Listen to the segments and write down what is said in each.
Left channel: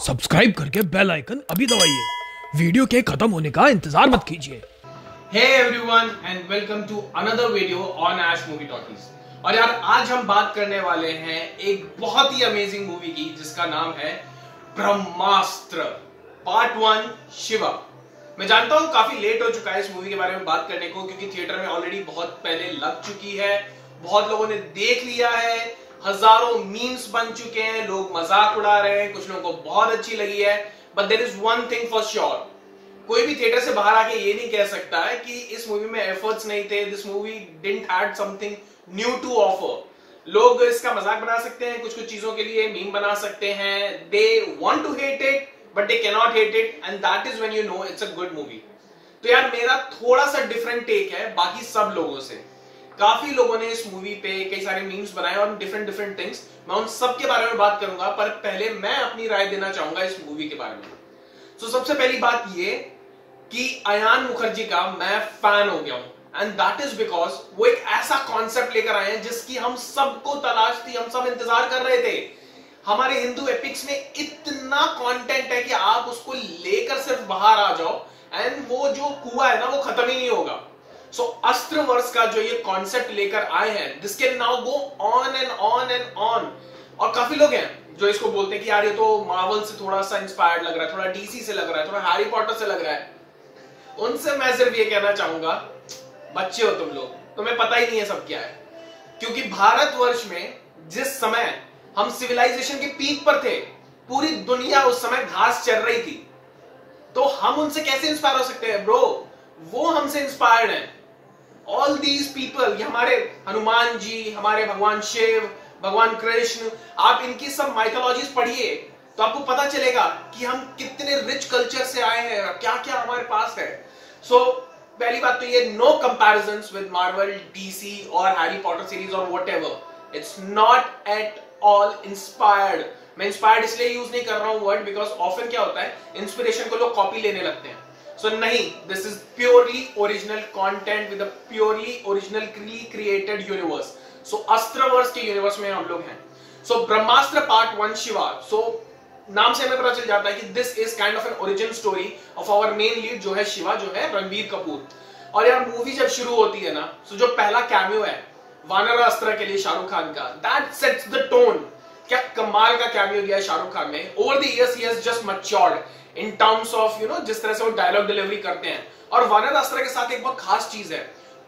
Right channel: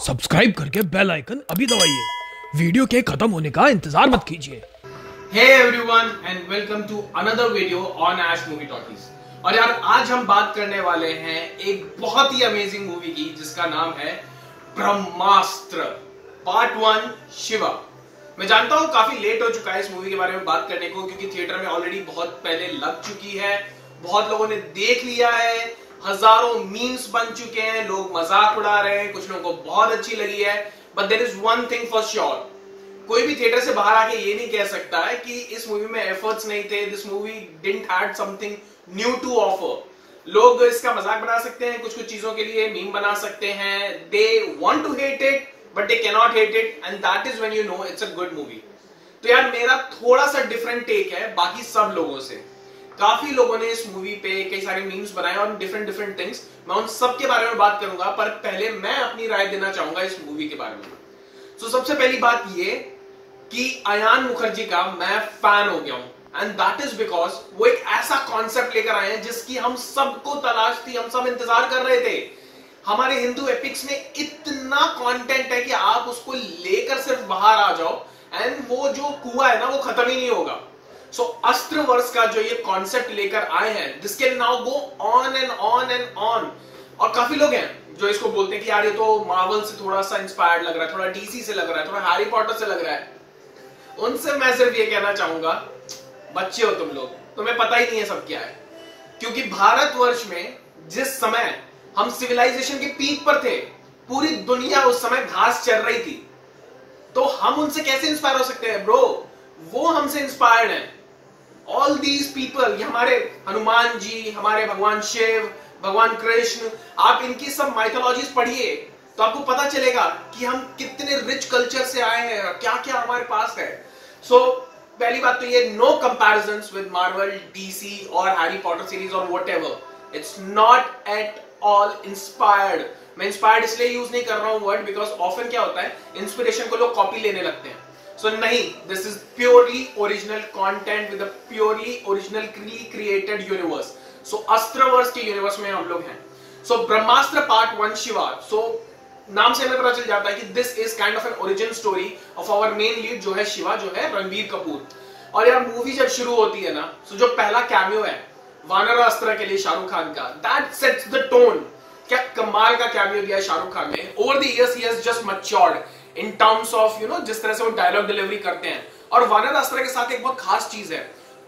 Subscribe करके bell icon अभी दबाइए, वीडियो के खत्म होने का इंतजार मत कीजिए। Hey everyone and welcome to another video on Ash Movie Talkies। और यार आज हम बात करने वाले हैं एक बहुत ही अमेजिंग मूवी की जिसका नाम है ब्रह्मास्त्र पार्ट 1 शिवा। मैं जानता हूं काफी लेट हो चुका है इस मूवी के बारे में बात करने को, क्योंकि थिएटर में ऑलरेडी बहुत पहले लग चुकी है, बहुत लोगों ने देख लिया है, हजारों मीम्स बन चुके हैं, लोग मजाक उड़ा रहे हैं, कुछ लोगों को बहुत अच्छी लगी है। But there is one thing for sure, कोई भी थिएटर से बाहर आके ये नहीं कह सकता है कि इस मूवी में एफर्ट्स नहीं थे, this movie didn't had something new to offer. लोग इसका मजाक बना सकते हैं, कुछ कुछ चीजों के लिए मीम बना सकते हैं, they want to hate it but they can not hate it, and that is when you know it's a good movie. तो यार मेरा थोड़ा सा डिफरेंट टेक है बाकी सब लोगों से। काफी लोगों ने इस मूवी पे कई सारे मीम्स बनाए और डिफरेंट थिंग्स, मैं उन सब के बारे में बात करूंगा, पर पहले मैं अपनी राय देना चाहूंगा इस मूवी के बारे में। तो सबसे पहली बात ये कि अयान मुखर्जी का मैं फैन हो गया हूं, एंड दैट इज बिकॉज वो एक ऐसा कॉन्सेप्ट लेकर आए हैं जिसकी हम सबको तलाश थी, हम सब इंतजार कर रहे थे। हमारे हिंदू एपिक्स में इतना कंटेंट है कि आप उसको लेकर सिर्फ बाहर आ जाओ एंड वो जो कुआं है ना वो खत्म ही नहीं होगा। सो अस्त्र वर्ष का जो ये कॉन्सेप्ट लेकर आए हैं, this can now go on and on and on. और काफी लोग हैं जो इसको बोलते हैं कि यार ये तो मार्वल से थोड़ा सा इंस्पायर्ड लग रहा है, थोड़ा डीसी से लग रहा है, थोड़ा हैरी पॉटर से लग रहा है। उनसे मैं सिर्फ ये कहना चाहूंगा, बच्चे हो तुम लोग, तुम्हें पता ही नहीं है सब क्या है। क्योंकि भारतवर्ष में जिस समय हम सिविलाइजेशन के पीक पर थे, पूरी दुनिया उस समय घास चल रही थी, तो हम उनसे कैसे इंस्पायर हो सकते हैं ब्रो? वो हमसे इंस्पायर्ड हैं। ऑल दीज पीपल, हमारे हनुमान जी, हमारे भगवान शिव, भगवान कृष्ण, आप इनकी सब माइथोलॉजीज पढ़िए तो आपको पता चलेगा कि हम कितने रिच कल्चर से आए हैं, क्या क्या हमारे पास है। सो पहली बात तो ये, no comparisons with Marvel, DC और हैरी पॉटर सीरीज और whatever. It's not at all inspired. मैं इंस्पायर्ड इसलिए यूज नहीं कर रहा हूं वर्ड, बिकॉज ऑफन क्या होता है, इंस्पिरेशन को लोग कॉपी लेने लगते हैं। सो नहीं, this is purely original content with a purely originally created universe. So Astraverse के यूनिवर्स में हम लोग हैं। सो ब्रह्मास्त्र पार्ट 1 शिवा, सो नाम से हमें पता चल जाता है कि this is kind of an origin story of our main lead जो है शिवा, जो है रणबीर कपूर। और यार मूवी जब शुरू होती है ना, तो जो पहला कैमियो है वानर अस्त्र के लिए शाहरुख खान का, दैट सेट्स द टोन। क्या कमाल का कैमियो दिया है शाहरुख खान ने। Over the years he has just matured in terms of you know जिस तरह से वो डायलॉग डिलीवरी करते हैं। और वानर अस्त्र के साथ एक बहुत खास चीज है,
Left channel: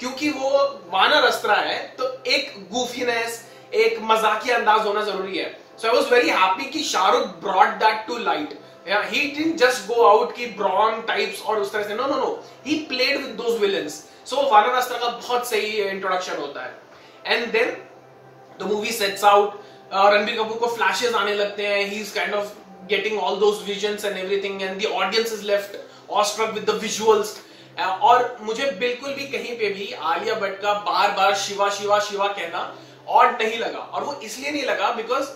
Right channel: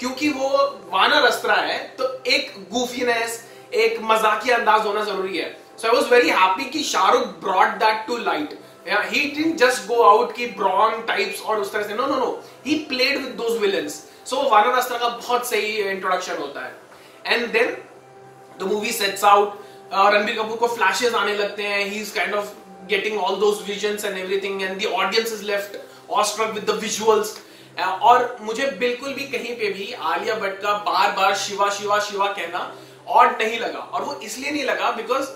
क्योंकि वो वानर अस्त्र है तो एक गूफीनेस, एक मजाकिया अंदाज होना जरूरी है। So I was very happy कि Shahrukh brought that to light. Yeah, he didn't just go out कि ब्रॉन टाइप्स और उस तरह से, no, he played with those villains. So वानर अस्त्र का बहुत सही इंट्रोडक्शन होता है। And then the movie sets out, Ranbir Kapoor को फ्लैशेस आने लगते हैं, he is kind of getting all those visions and everything, and the audience is left awestruck with the visuals. और मुझे बिल्कुल भी कहीं पे भी आलिया भट्ट का बार बार शिवा शिवा शिवा कहना ऑड नहीं लगा। और वो इसलिए नहीं लगा बिकॉज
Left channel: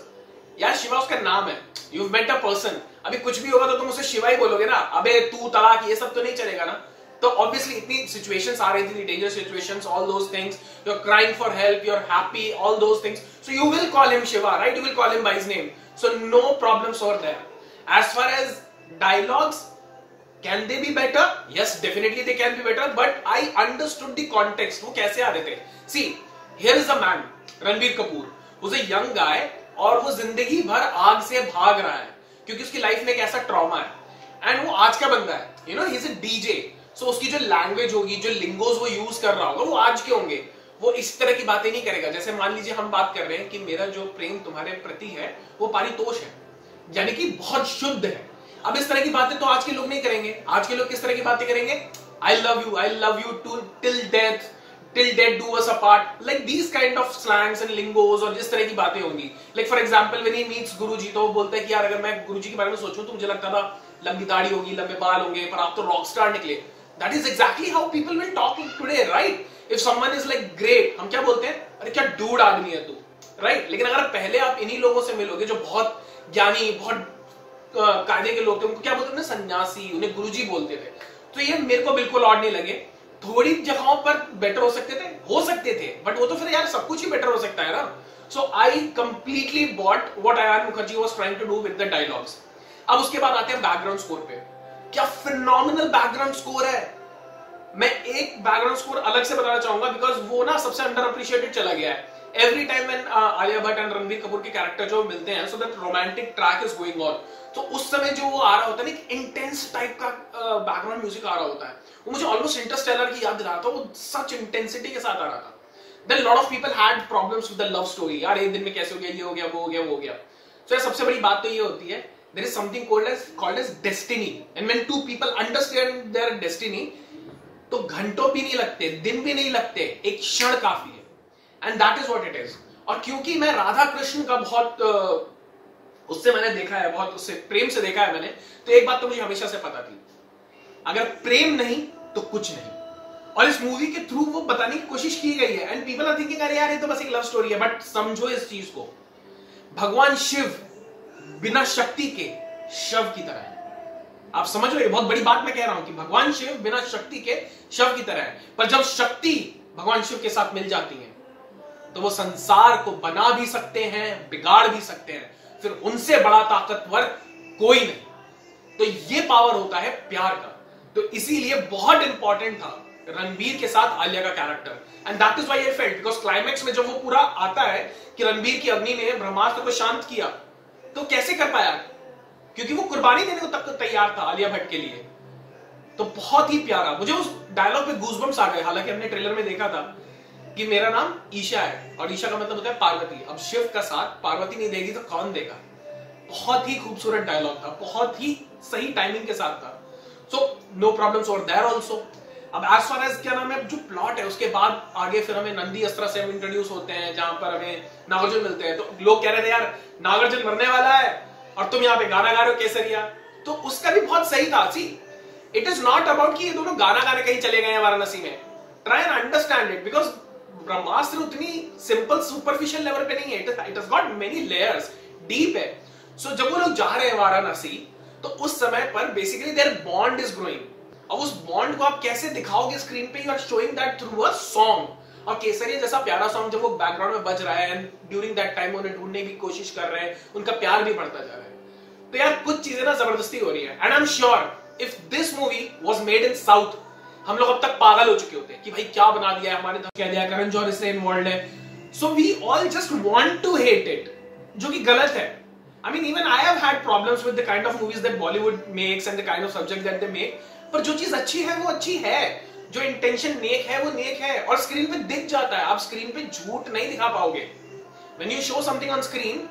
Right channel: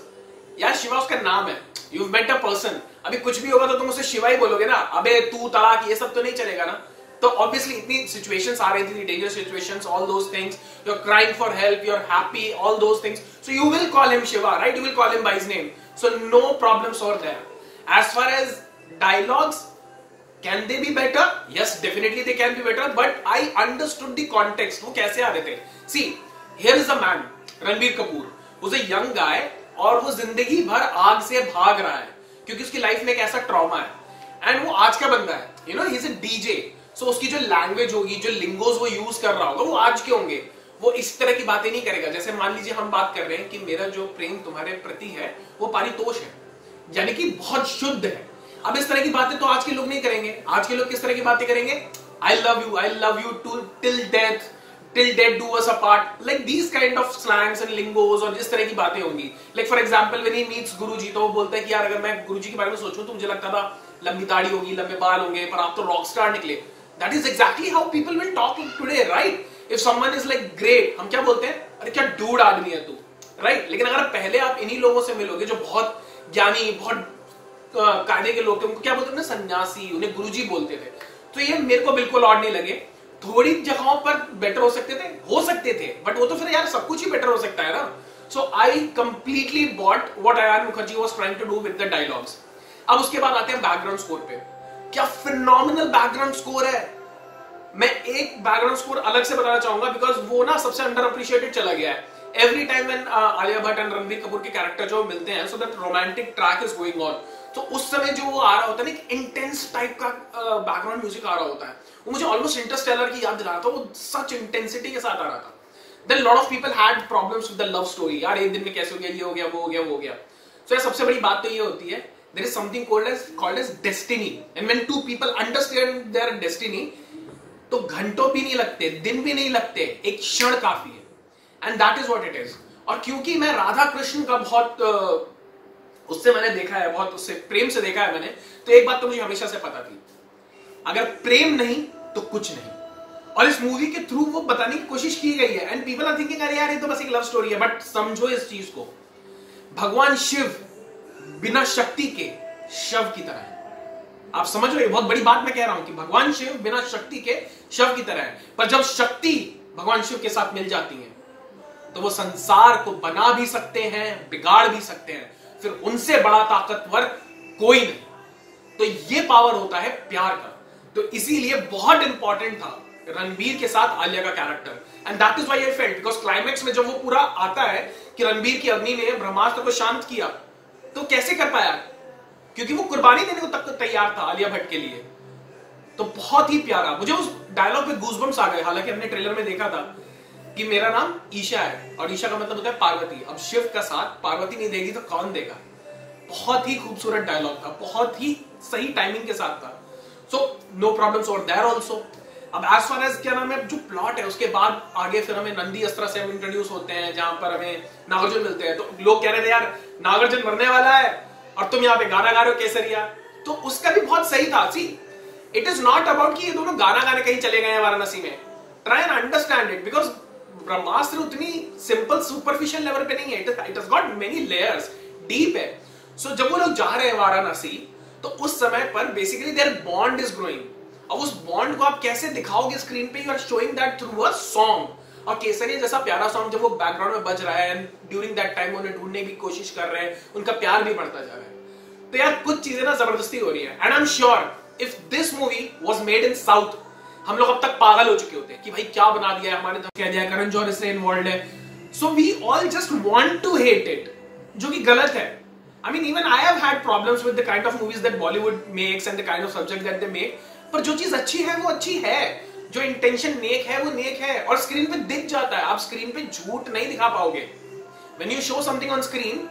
यार शिवा उसका नाम है, यू मेट अ पर्सन। अभी कुछ भी होगा तो तुम उसे शिवा ही बोलोगे ना, अबे तू तलाक, ये सब तो नहीं चलेगा ना। तो ऑब्वियसली इतनी सिचुएशंस आ रही थी, danger situations, all those things, you are crying for help, you are happy, all those things, so you will call him Shiva, right? You will call him by his name, so no problems over there. As far as dialogues, can they be better? Yes, definitely they can be better, but I understood the context, वो कैसे आ रहे थे। See, here is a man, Ranbir Kapoor, who's a young guy, और वो जिंदगी भर आग से भाग रहा है क्योंकि उसकी लाइफ में एक ऐसा ट्रॉमा है, एंड वो आज का बंदा है, you know, he is a DJ. So उसकी जो लैंग्वेज होगी, जो लिंगोज वो यूज कर रहा होगा, वो आज के होंगे। वो इस तरह की बातें नहीं करेगा। जैसे मान लीजिए हम बात कर रहे हैं कि मेरा जो प्रेम तुम्हारे प्रति है वो पारितोष है, यानी कि बहुत शुद्ध है। अब इस तरह की बातें तो आज के लोग नहीं करेंगे। आज के लोग किस तरह की बातें करेंगे? I love you too till death, till death do us apart, like these kind of slangs and lingos, और इस तरह की बातें होंगी। Like for example when he meets गुरुजी, तो वो बोलता है कि यार अगर मैं गुरुजी के बारे में सोचूं तो मुझे लगता था लंबी दाढ़ी होगी, लंबे बाल होंगे, पर आप तो रॉक स्टार निकले। That is exactly how people will talk today, right? If someone is like great, हम क्या बोलते हैं? अरे क्या डूड आदमी है तू, right? लेकिन अगर पहले आप इन्हीं लोगों से मिलोगे जो बहुत ज्ञानी, बहुत कायदे के लोग थे, उनको क्या बोलते थे ना, सन्यासी, उन्हें गुरुजी बोलते थे। तो ये मेरे को बिल्कुल ऑड नहीं लगे। थोड़ी जगहों पर बेटर हो सकते थे, बट वो तो फिर यार सब कुछ ही बेटर हो सकता है ना। So I completely bought what Ayan Mukherjee was trying to do with the dialogues. अब उसके बाद आते हैं बैकग्राउंड स्कोर पे। क्या फिनोमिनल बैकग्राउंड स्कोर है। मैं एक बैकग्राउंड स्कोर अलग से बताना चाहूंगा बिकॉज वो ना सबसे अंडर अप्रिशिएटेड चला गया है। Every time when Alia Bhatt and Ranbir Kapoor के कैरेक्टर जो मिलते हैं, so that romantic track is going on, तो उस समय जो वो आ रहा होता है ना, एक इंटेंस टाइप का बैकग्राउंड म्यूजिक आ रहा होता है, वो मुझे ऑलमोस्ट इंटरस्टेलर की याद दिला रहा था। वो सच इंटेंसिटी के साथ आ रहा था। Then lot of people had problems with the love story. यार एक दिन में कैसे हो गया, ये हो गया, वो हो गया, वो हो गया। सो सबसे बड़ी बात तो ये होती है, there is something called as destiny, and when two people understand their destiny, तो घंटों भी नहीं लगते, दिन भी नहीं लगते, एक क्षण काफी है। And that is what it is. और क्योंकि मैं राधा कृष्ण का बहुत उससे मैंने देखा है, बहुत उससे प्रेम से देखा है मैंने, तो एक बात तो मुझे हमेशा से पता थी, अगर प्रेम नहीं तो कुछ नहीं। और इस मूवी के थ्रू वो बताने की कोशिश की गई है। एंड पीपल आर थिंकिंग अरे यार ये तो बस एक लव स्टोरी है, बट समझो इस चीज को, भगवान शिव बिना शक्ति के शव की तरह है। आप समझ रहे हो, बहुत बड़ी बात मैं कह रहा हूं कि भगवान शिव बिना शक्ति के शव की तरह है। पर जब शक्ति भगवान शिव के साथ मिल जाती है तो वो संसार को बना भी सकते हैं, बिगाड़ भी सकते हैं, फिर उनसे बड़ा ताकतवर कोई नहीं। तो ये पावर होता है प्यार का। तो इसीलिए बहुत इंपॉर्टेंट था रणबीर के साथ आलिया का character, and that is why I felt, because climax में जब वो पूरा आता है कि रणबीर की अग्नि ने ब्रह्मास्त्र को शांत किया, तो कैसे कर पाया, क्योंकि वो कुर्बानी देने को तक तो तैयार था आलिया भट्ट के लिए। तो बहुत ही प्यारा, मुझे उस डायलॉग पे गूज़बम्प्स आ गए। हालांकि हमने ट्रेलर में देखा था कि मेरा नाम ईशा है, और ईशा का मतलब होता है पार्वती। अब शिव का साथ पार्वती नहीं देगी तो कौन देगा। बहुत ही खूबसूरत डायलॉग था, बहुत ही सही टाइमिंग के साथ था। So no problems over there also. अब एज फार एज क्या नाम है, जो प्लॉट है, उसके बाद आगे फिर हमें नंदी अस्त्र से हम इंट्रोड्यूस होते हैं, जहां पर हमें नागार्जुन मिलते हैं। तो लोग कह रहे थे यार नागार्जुन मरने वाला है और तुम यहाँ पे गाना गा रहे हो केसरिया, तो उसका भी बहुत सही था। See it is not about कि ये दोनों गाना गाने कहीं चले गए हैं वाराणसी में। Try and understand it, because Brahmastra उतनी सिंपल सुपरफिशियल लेवल पे नहीं है, it has got many layers, deep है। सो जब वो लोग जा रहे हैं वाराणसी, तो उस समय पर basically their bond is growing. अब उस बॉन्ड को आप कैसे दिखाओगे स्क्रीन पे, you are showing that through a song. और केसरिया जैसा प्यारा सॉन्ग जब वो बैकग्राउंड में बज रहा है, एंड ड्यूरिंग दैट टाइम उन्हें ढूंढने की कोशिश कर रहे हैं, उनका प्यार भी बढ़ता जा रहा है। तो यार कुछ चीजें ना जबरदस्ती हो रही है। And I am sure if this movie was made in south, हम लोग अब तक पागल हो चुके होते हैं कि भाई क्या बना दिया है, हमारे कह दिया करण जौहर इससे इन्वॉल्व है। So we all just want to hate it, जो कि गलत है। I mean, even I have had problems with the kind of movies that Bollywood makes and the kind of subject that they make. पर जो चीज अच्छी है वो अच्छी है, जो इंटेंशन नेक है वो नेक है, और स्क्रीन पे दिख जाता है। आप स्क्रीन पे झूठ नहीं दिखा पाओगे। When you show something on screen,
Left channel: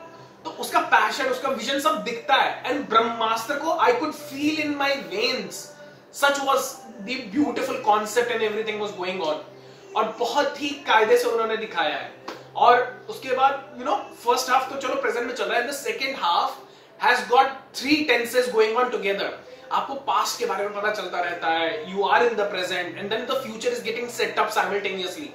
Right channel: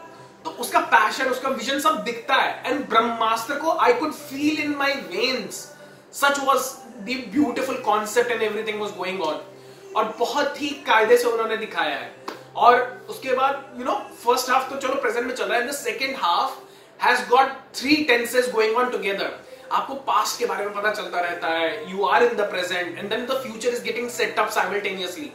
तो उसका पैशन, उसका विजन सब दिखता है। एंड ब्रह्मास्त्र को I could feel in my veins. Such was the beautiful concept and everything was going on. और बहुत ही कायदे से उन्होंने दिखाया है। और उसके बाद यू नो फर्स्ट हाफ तो चलो प्रेजेंट में चल रहा है, the second half has got 3 tenses going on together. आपको पास्ट के बारे में पता चलता रहता है, you are in the present and then the future is getting set up simultaneously.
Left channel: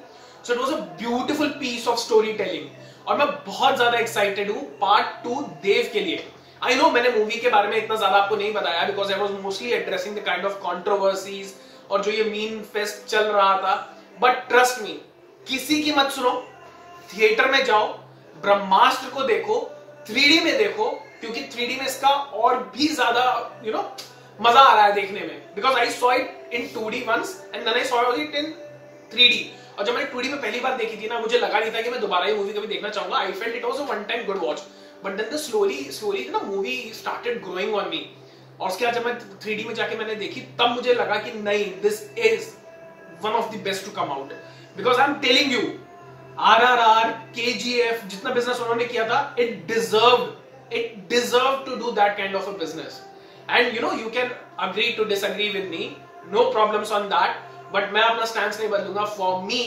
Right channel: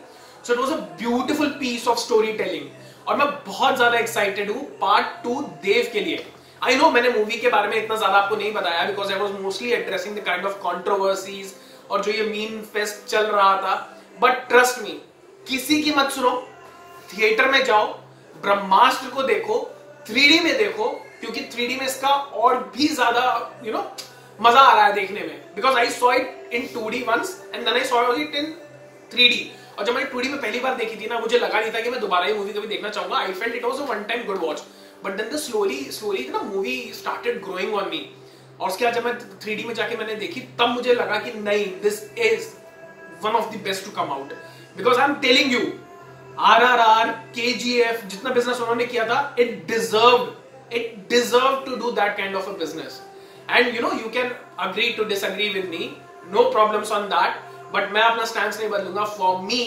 So it was a beautiful piece of story telling, और मैं बहुत ज्यादा एक्साइटेड हूं पार्ट 2 देव के लिए। आई नो मैंने मूवी के बारे में इतना ज्यादा आपको नहीं बताया, because I was mostly addressing the kind of controversies और जो ये मीम फेस्ट चल रहा था। बट ट्रस्ट मी, किसी की मत सुनो, थिएटर में जाओ, ब्रह्मास्त्र को देखो, 3D में देखो, क्योंकि 3D में इसका और भी ज्यादा यू नो मजा आ रहा है देखने में। Because I saw it in 2D once and then I saw it in 3D। और जब मैंने 2D में पहली बार देखी थी ना, मुझे लगा नहीं था कि मैं दोबारा ये मूवी कभी देखना चाहूंगा। I felt it was a one time good watch, but then slowly ना movie started growing on me. और उसके बाद जब मैं 3D में जाके मैंने देखी, तब मुझे लगा कि नहीं, this is one of the best to come out. Because I am telling you, RRR, KGF, जितना बिजनेस उन्होंने किया था, it deserved to do that kind of a business. And you know, you can agree to disagree with me, no problems on that, but मैं अपना stand नहीं बदलूंगा। For me,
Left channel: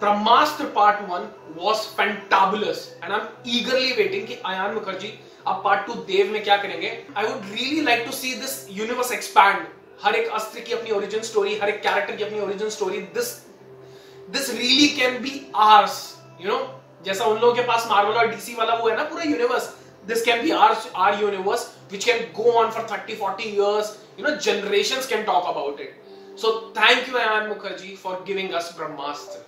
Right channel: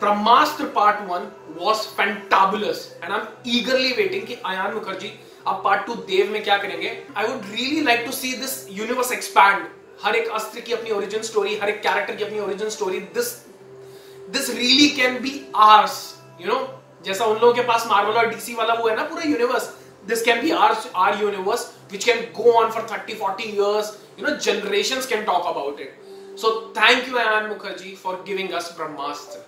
Brahmastra part 1 was fantabulous and I'm eagerly waiting कि आयान मुखर्जी अब part 2 देव में क्या करेंगे। I would really like to see this universe expand. हर एक अस्त्र की अपनी ओरिजिन स्टोरी, हर एक कैरेक्टर की अपनी origin story. This really can be ours, you know, जैसा उन लोगों के पास मार्वल और डीसी वाला वो है ना पूरा universe, this can be our universe which can go on for 30-40 years, you know, generations can talk about it. So thank you Ayan Mukherjee for giving us Brahmastra.